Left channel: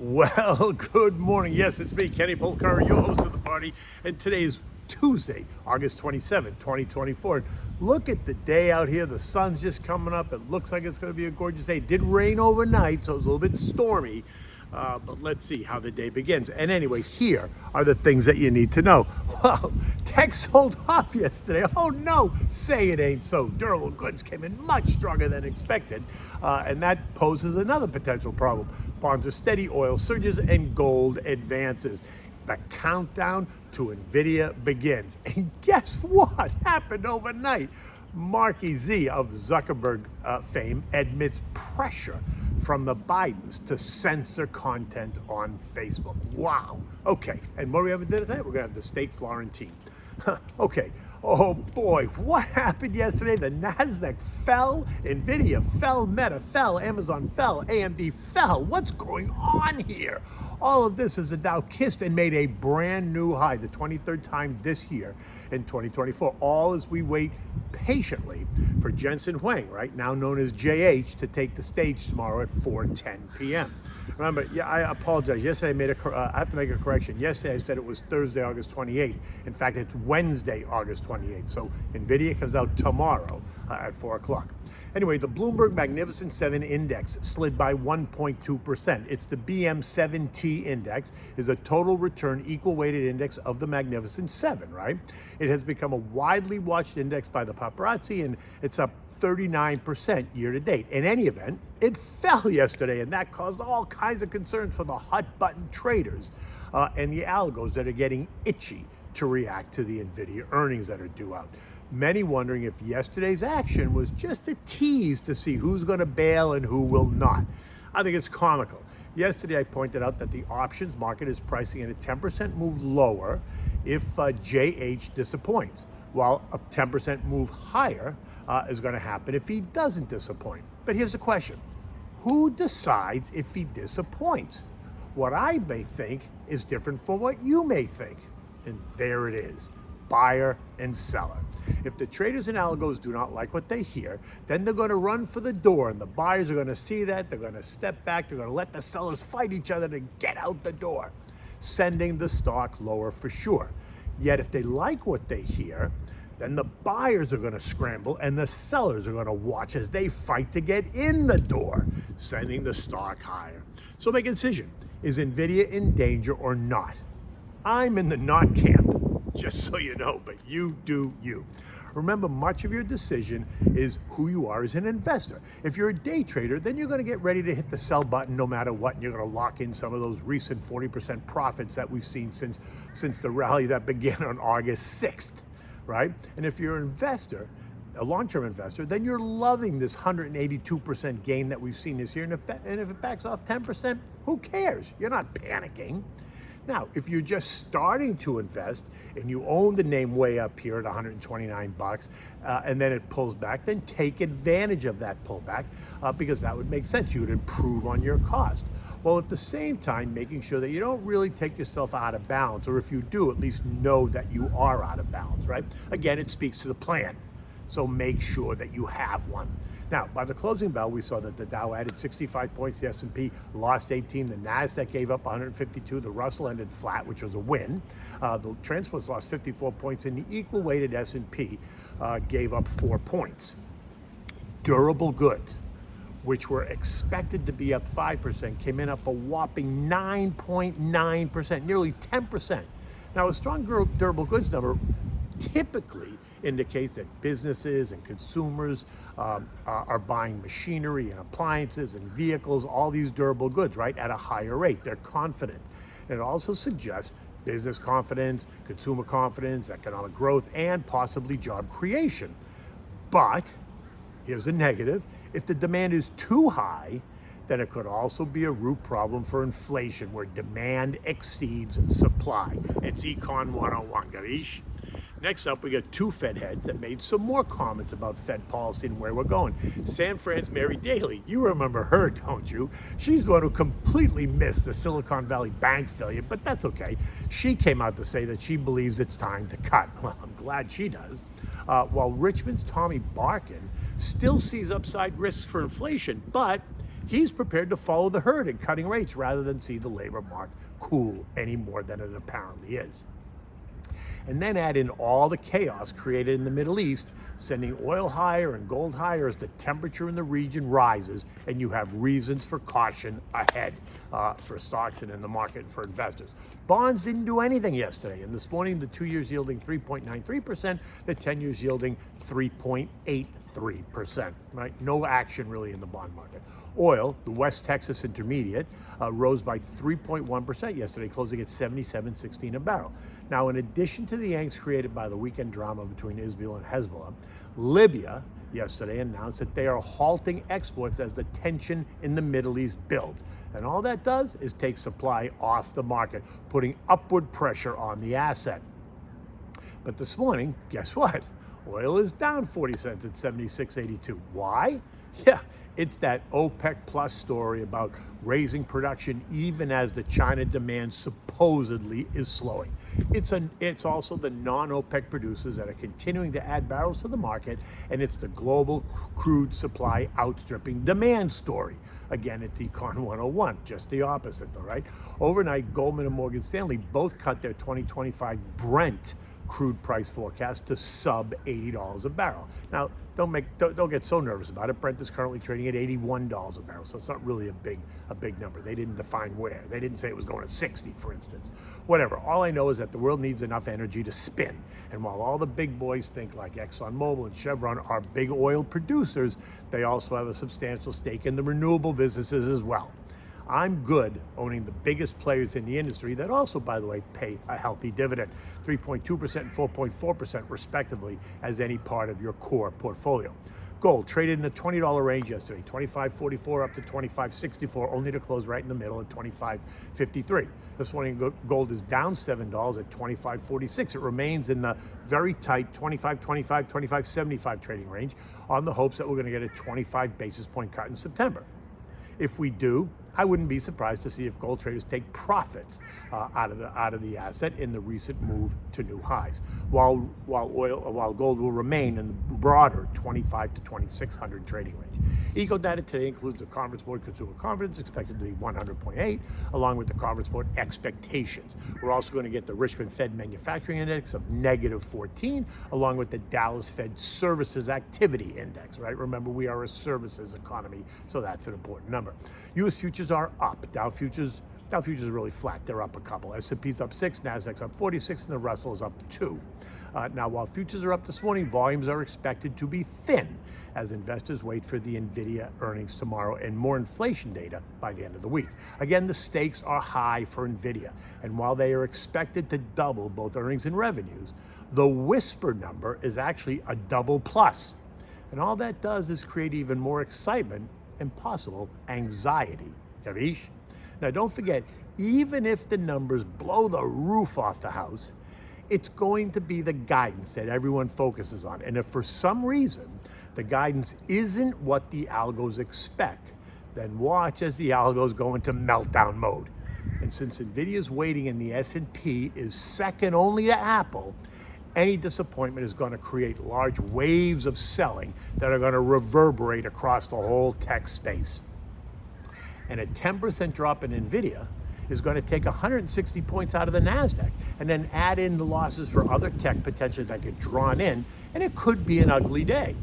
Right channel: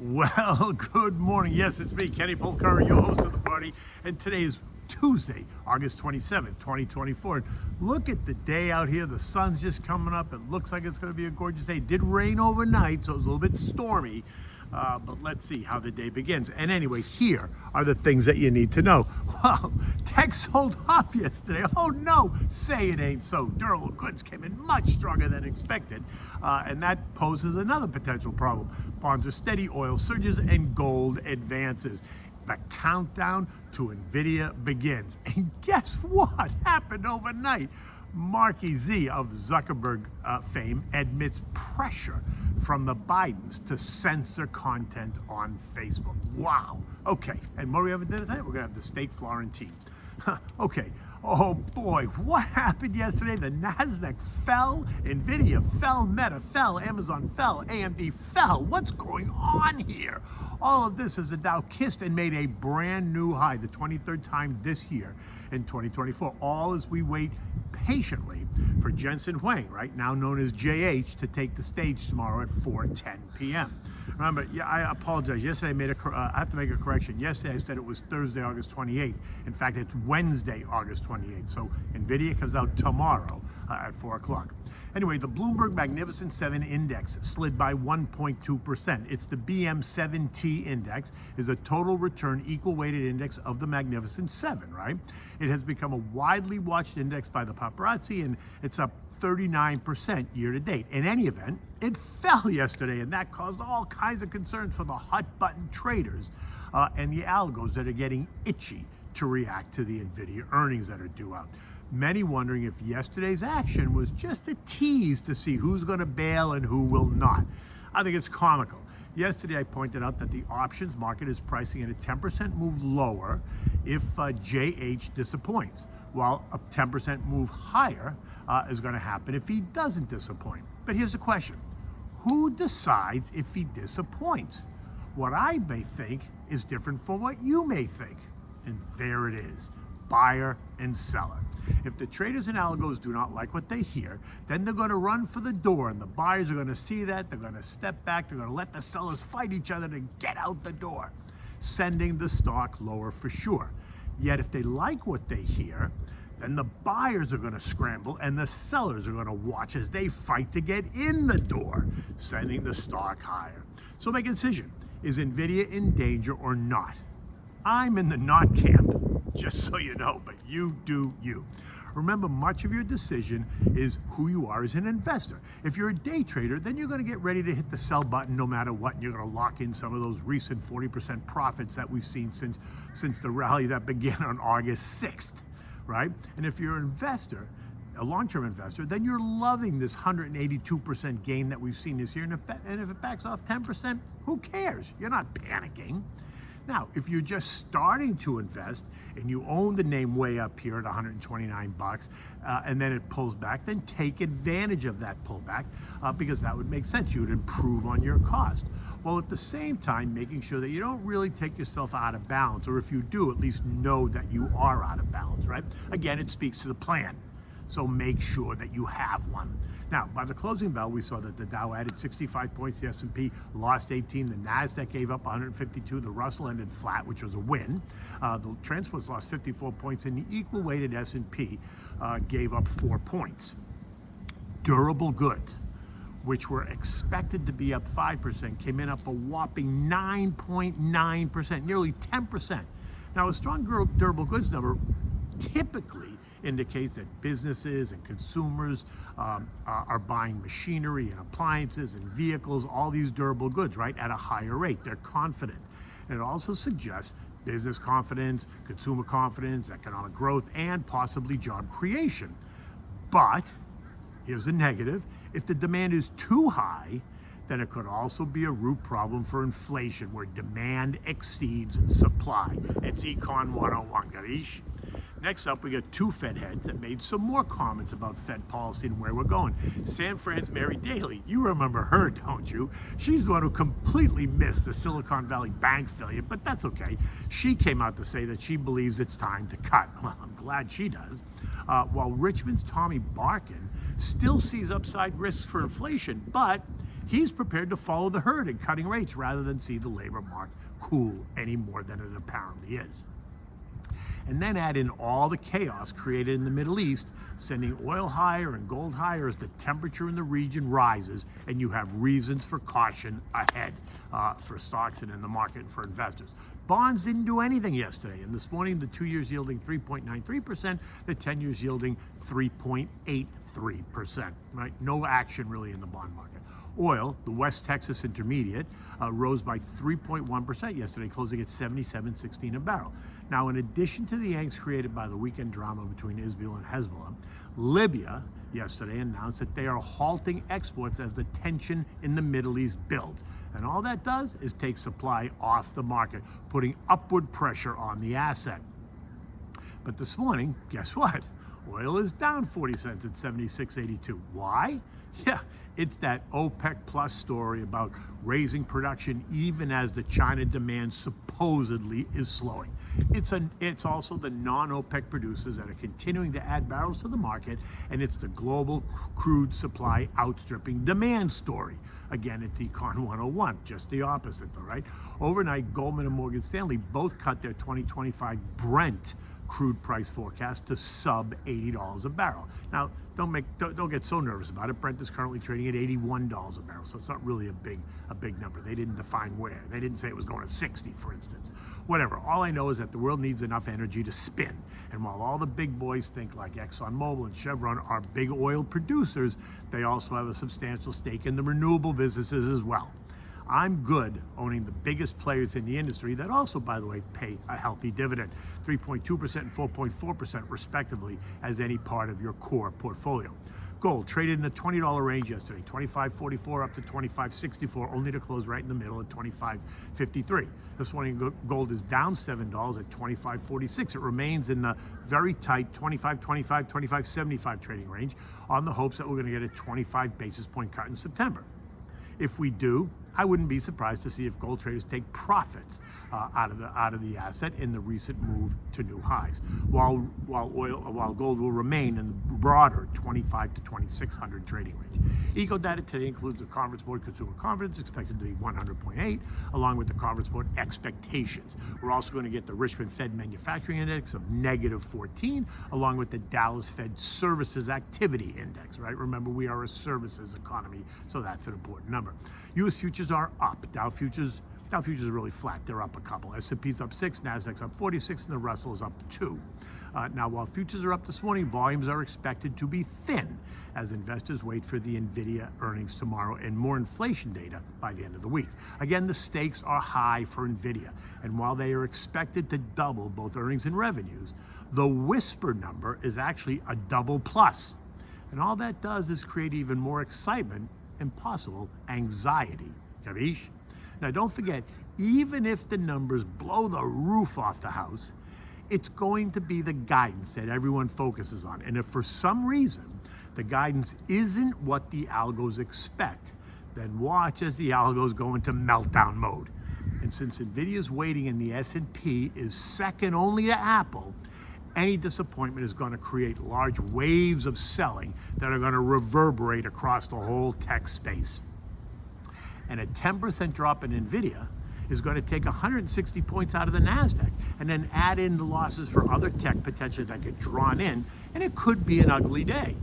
Well, good morning. Yes, it's me, Kenny Polcar, your host of the party, and today is Tuesday, August 27th, 2024. Look at the day out here. The sun's just coming up. It looks like it's going to be a gorgeous day. It did rain overnight, so it was a little bit stormy. But let's see how the day begins. And anyway, here are the things that you need to know. Well, tech sold off yesterday. Oh no, say it ain't so. Durable goods came in much stronger than expected. And that poses another potential problem. Bonds are steady, oil surges, and gold advances. The countdown to Nvidia begins. And guess what happened overnight? Mark Z of Zuckerberg fame admits pressure from the Bidens to censor content on Facebook. Wow. Okay. And what do we have to do tonight? We're going to have the state Florentine. Okay. Oh boy, what happened yesterday? The Nasdaq fell, Nvidia fell, Meta fell, Amazon fell, AMD fell. What's going on here? All of this as the Dow kissed and made a brand new high, the 23rd time this year in 2024. All as we wait patiently for Censoring, right now known as JH, to take the stage tomorrow at 4:10 p.m. Remember, yeah, I apologize. Yesterday I have to make a correction. Yesterday I said it was Thursday, August 28th. In fact, it's Wednesday, August 28th. So Nvidia comes out tomorrow at 4 o'clock. Anyway, the Bloomberg Magnificent 7 index slid by 1.2%. It's the BM7T index, is a total return equal weighted index of the Magnificent 7, right? It has become a widely watched index by the paparazzi, and it's up 39% year to date. In any event, it fell yesterday, and that caused all kinds of concerns for the hot button traders and the algos that are getting itchy to react to the Nvidia earnings that are due out. Many wondering if yesterday's action was just a tease to see who's going to bail and who will not. I think it's comical. Yesterday I pointed out that the options market is pricing in a 10% move lower if JH disappoints, while a 10% move higher is going to happen if he doesn't disappoint. But here's the question. Who decides if he disappoints? What I may think is different from what you may think. And there it is, buyer and seller. If the traders and algos do not like what they hear, then they're going to run for the door, and the buyers are going to see that. They're going to step back. They're going to let the sellers fight each other to get out the door, sending the stock lower for sure. Yet if they like what they hear, then the buyers are going to scramble and the sellers are going to watch as they fight to get in the door, sending the stock higher. So make a decision. Is Nvidia in danger or not? I'm in the not camp, just so you know, but you do you. Remember, much of your decision is who you are as an investor. If you're a day trader, then you're going to get ready to hit the sell button no matter what, and you're going to lock in some of those recent 40% profits that we've seen since the rally that began on August 6th, right? And if you're an investor, a long-term investor, then you're loving this 182% gain that we've seen this year, and if it backs off 10%, who cares? You're not panicking. Now, if you're just starting to invest and you own the name way up here at 129 bucks, and then it pulls back, then take advantage of that pullback because that would make sense. You would improve on your cost. Well, at the same time, making sure that you don't really take yourself out of balance, or if you do, at least know that you are out of balance, right? Again, it speaks to the plan. So make sure that you have one. Now, by the closing bell, we saw that the Dow added 65 points, the S&P lost 18, the Nasdaq gave up 152, the Russell ended flat, which was a win. The transports lost 54 points, and the equal-weighted S&P gave up 4 points. Durable goods, which were expected to be up 5%, came in up a whopping 9.9%, nearly 10%. Now, a strong durable goods number typically indicates that businesses and consumers are buying machinery and appliances and vehicles, all these durable goods, right, at a higher rate. They're confident. And it also suggests business confidence, consumer confidence, economic growth, and possibly job creation. But here's the negative. If the demand is too high, then it could also be a root problem for inflation where demand exceeds supply. It's Econ 101, Garish. Next up, we got two Fed heads that made some more comments about Fed policy and where we're going. San Fran's Mary Daly, you remember her, don't you? She's the one who completely missed the Silicon Valley Bank failure, but that's okay. She came out to say that she believes it's time to cut. Well, I'm glad she does. While Richmond's Tommy Barkin still sees upside risks for inflation, but He's prepared to follow the herd in cutting rates rather than see the labor market cool any more than it apparently is. And then add in all the chaos created in the Middle East, sending oil higher and gold higher as the temperature in the region rises, and you have reasons for caution ahead for stocks and in the market for investors. Bonds didn't do anything yesterday, and this morning the 2 years yielding 3.93%, the 10 years yielding 3.83%, right? No action really in the bond market. Oil, the West Texas Intermediate, rose by 3.1% yesterday, closing at $77.16 a barrel. Now, in addition to the angst created by the weekend drama between Israel and Hezbollah, Libya yesterday announced that they are halting exports as the tension in the Middle East builds. And all that does is take supply off the market, putting upward pressure on the asset. But this morning, guess what? Oil is down 40 cents at 76.82. Why? Yeah, it's that OPEC plus story about raising production even as the China demand supposedly is slowing. It's also the non-OPEC producers that are continuing to add barrels to the market, and it's the global crude supply outstripping demand story. Again, it's Econ 101, just the opposite though, right? Overnight, Goldman and Morgan Stanley both cut their 2025 Brent crude price forecast to sub $80 a barrel. Now, don't get so nervous about it. Brent is currently trading at $81 a barrel, so it's not really a big number. They didn't define where. They didn't say it was going to 60, for instance. Whatever. All I know is that the world needs enough energy to spin. And while all the big boys think like ExxonMobil and Chevron are big oil producers, they also have a substantial stake in the renewable businesses as well. I'm good owning the biggest players in the industry that also, by the way, pay a healthy dividend, 3.2% and 4.4% respectively, as any part of your core portfolio. Gold traded in the $20 range yesterday, $25.44 up to $25.64, only to close right in the middle at $25.53. This morning, gold is down $7 at $25.46. It remains in the very tight $25.25, $25.75 trading range on the hopes that we're going to get a 25 basis point cut in September. If we do, I wouldn't be surprised to see if gold traders take profits out of the asset in the recent move to new highs, while gold will remain in the broader 25 to 2600 trading range. Eco data today includes the Conference Board consumer confidence expected to be 100.8, along with the Conference Board expectations. We're also going to get the Richmond Fed Manufacturing Index of -14, along with the Dallas Fed Services Activity Index, right? Remember, we are a services economy, so that's an important number. U.S. futures are up. Dow futures are really flat. They're up a couple. S&P's up 6, Nasdaq's up 46, and the Russell is up 2. Now, while futures are up this morning, volumes are expected to be thin as investors wait for the Nvidia earnings tomorrow and more inflation data by the end of the week. Again, the stakes are high for Nvidia, and while they are expected to double both earnings and revenues, the whisper number is actually a double plus. And all that does is create even more excitement and possible anxiety. Ḥģħļķ? Now, don't forget, even if the numbers blow the roof off the house, it's going to be the guidance that everyone focuses on. And if for some reason the guidance isn't what the algos expect, then watch as the algos go into meltdown mode. And since Nvidia's weighting in the S&P is second only to Apple, any disappointment is going to create large waves of selling that are going to reverberate across the whole tech space. And a 10% drop in Nvidia is going to take 160 points out of the Nasdaq, and then add in the losses for other tech potentially that get drawn in, and it could be an ugly day.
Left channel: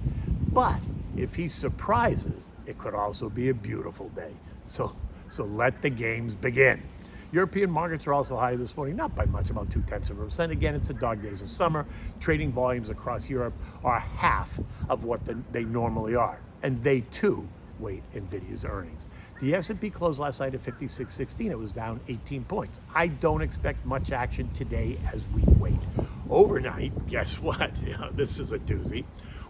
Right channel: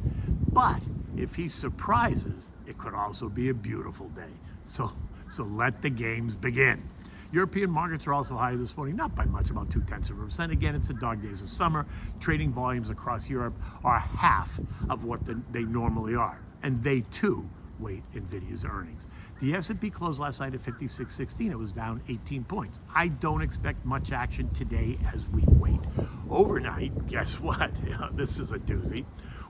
But if he surprises, it could also be a beautiful day. So let the games begin. European markets are also high this morning, not by much, about 0.2%. Again, it's the dog days of summer. Trading volumes across Europe are half of what they normally are, and they too wait Nvidia's earnings. The S&P closed last night at 56.16. It was down 18 points. I don't expect much action today as we wait. Overnight, guess what? This is a doozy.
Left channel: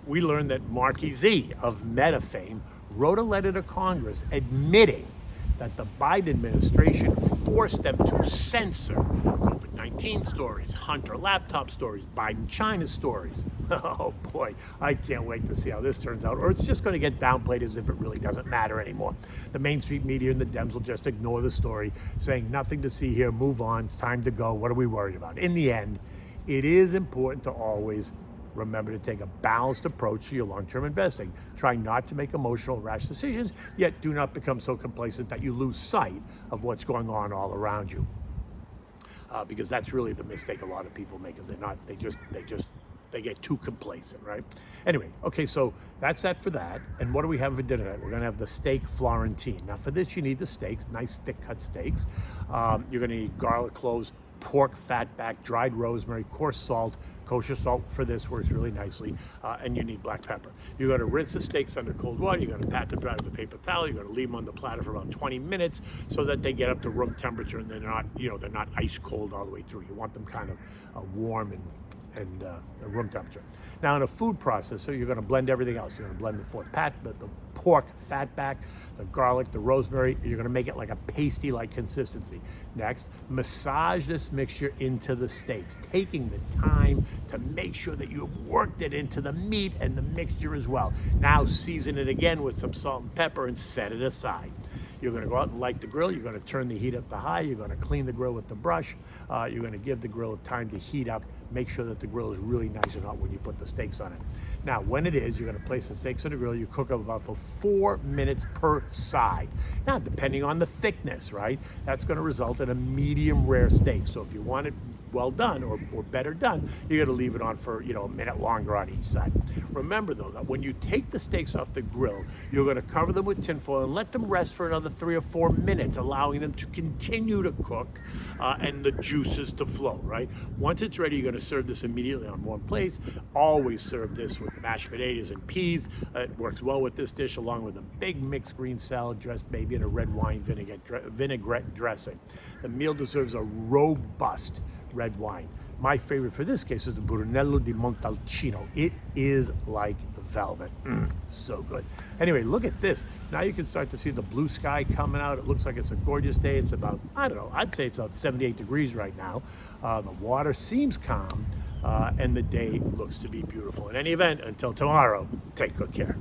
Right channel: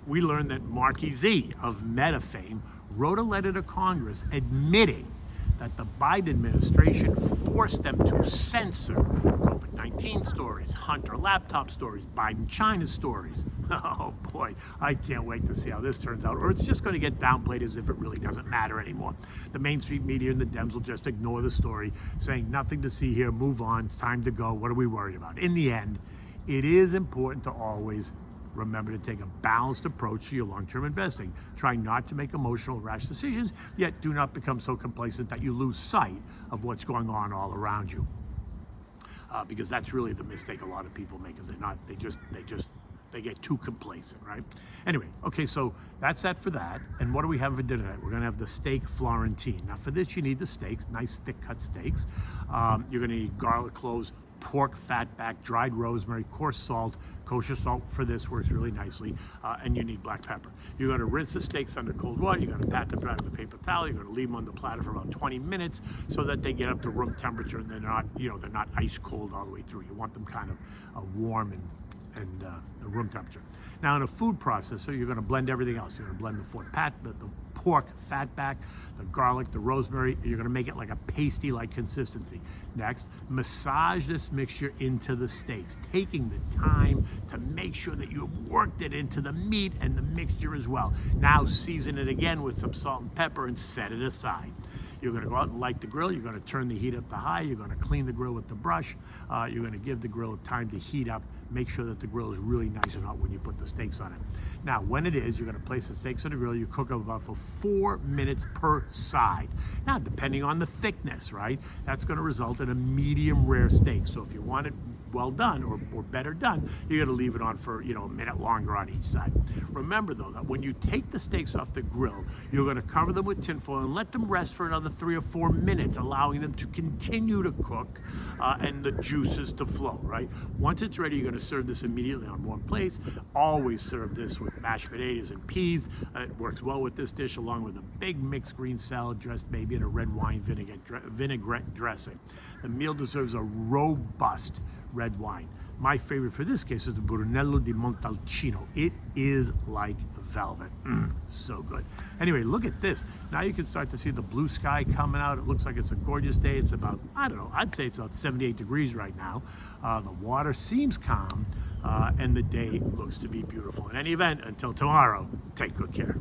We learned that Mark Zuckerberg of Meta fame wrote a letter to Congress admitting that the Biden administration forced them to censor COVID-19 stories, Hunter laptop stories, Biden China stories. Oh boy, I can't wait to see how this turns out. Or it's just going to get downplayed as if it really doesn't matter anymore. The mainstream media and the Dems will just ignore the story, saying nothing to see here, move on, it's time to go, what are we worried about? In the end, it is important to always remember to take a balanced approach to your long-term investing. Try not to make emotional, rash decisions, yet do not become so complacent that you lose sight of what's going on all around you. Because that's really the mistake a lot of people make, is they get too complacent, right? Anyway, okay, so that's that for that. And what do we have for dinner tonight? We're gonna have the steak Florentine. Now for this, you need the steaks, nice thick cut steaks. You're gonna need garlic cloves, pork fatback, dried rosemary, coarse salt. Kosher salt for this works really nicely, and you need black pepper. You're gonna rinse the steaks under cold water. You're gonna pat them dry with a paper towel. You're gonna leave them on the platter for about 20 minutes so that they get up to room temperature and they're not ice cold all the way through. You want them kind of warm and room temperature. Now in a food processor, you're gonna blend everything else. You're gonna blend the pork fatback, the garlic, the rosemary. You're gonna make it like a pasty-like consistency. Next, massage this mixture into the steaks, taking the time to make sure that you have worked it into the meat and the mixture as well. Now season it again with some salt and pepper and set it aside. You're gonna go out and light the grill. You're gonna turn the heat up to high. You're gonna clean the grill with the brush. You're gonna give the grill time to heat up. Make sure that the grill is really nice and hot when you put the steaks on it. Now, when it is, you're gonna place the steaks on the grill. You cook them about for 4 minutes per side. Now, depending on the thickness, right? That's gonna result in a medium rare steak. So if you want it well done or better done, you're gonna leave it on for a minute longer on each side. Remember though, that when you take the steaks off the grill, you're gonna cover them with tinfoil and let them rest for another 3 or 4 minutes, allowing them to continue to cook and the juices to flow, right? Once it's ready, you're gonna serve this immediately on one plate. Always serve this with mashed potatoes and peas. It works well with this dish, along with a big mixed green salad dressed maybe in a red wine vinaigrette dressing. The meal deserves a robust red wine. My favorite for this case is the Brunello di Montalcino. It is like velvet. So good. Anyway, look at this. Now you can start to see the blue sky coming out. It looks like it's a gorgeous day. It's about, I don't know, I'd say it's about 78 degrees right now. The water seems calm, and the day looks to be beautiful. In any event, until tomorrow, take good care.